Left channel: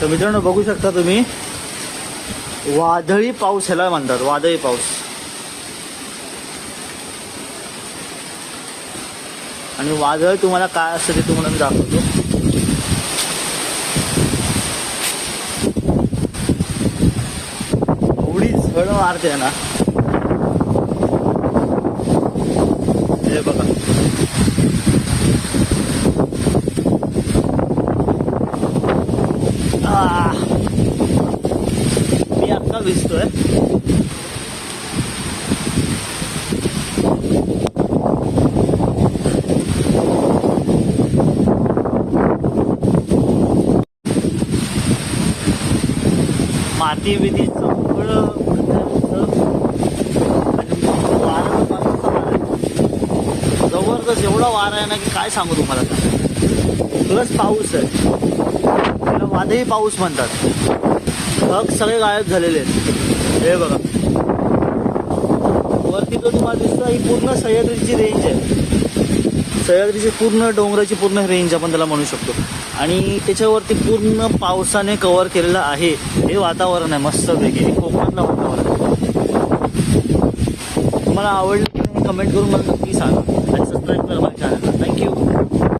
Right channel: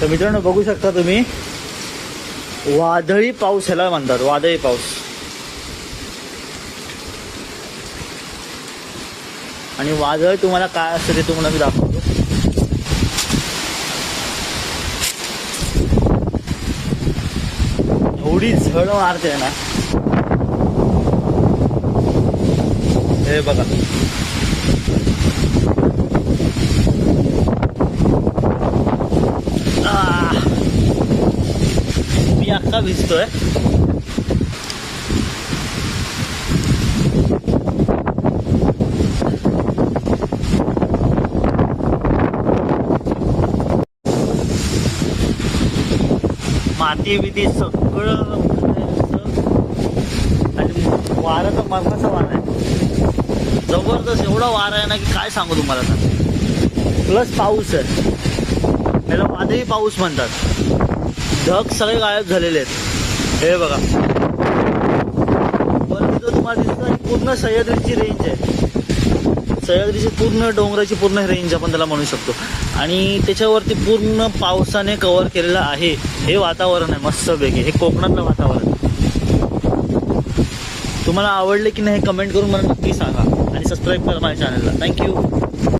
तर मित्रांनो बघू शकता तुम्ही, वादळी पाऊस ह्याला म्हणतात, वादळी पाऊस. आणि वादळ तुम्हाला काय असतं ते तुम्हाला मी दाखवतो. एवढी झड मारते ना, हे बघा. मी अख्खा भिजतोय. माती बिती सगळं आणि वारा तर बर्फाचा वारा आहे, जबरदस्त. एवढा वारा आहे ना की काय सांगू तुम्हाला आता. प्लस पाऊस आहे, त्याला वादळी पाऊस म्हणतात. ढग सगळे गायब झालेले आहेत. हे बघा वरती जो तुम्हाला दिसतो, ही पूर्ण सह्याद्रीची रेंज आहे. सह्याद्रीची पूर्ण डोंगराची पूर्ण रेंज आपण त्याला म्हणू शकतो. आणि त्याच्यावरती पूर्ण पावसाने कव्हर केलेलं आहे. हे वातावरण आहे मस्तपैकी, हे कोकणातलं वातावरण आहे. तुम्हाला आवडले की नाही हे कमेंट करून मला नक्की सांगा आणि सबस्क्राईब करा माझ्या चॅनलला. थँक्यू.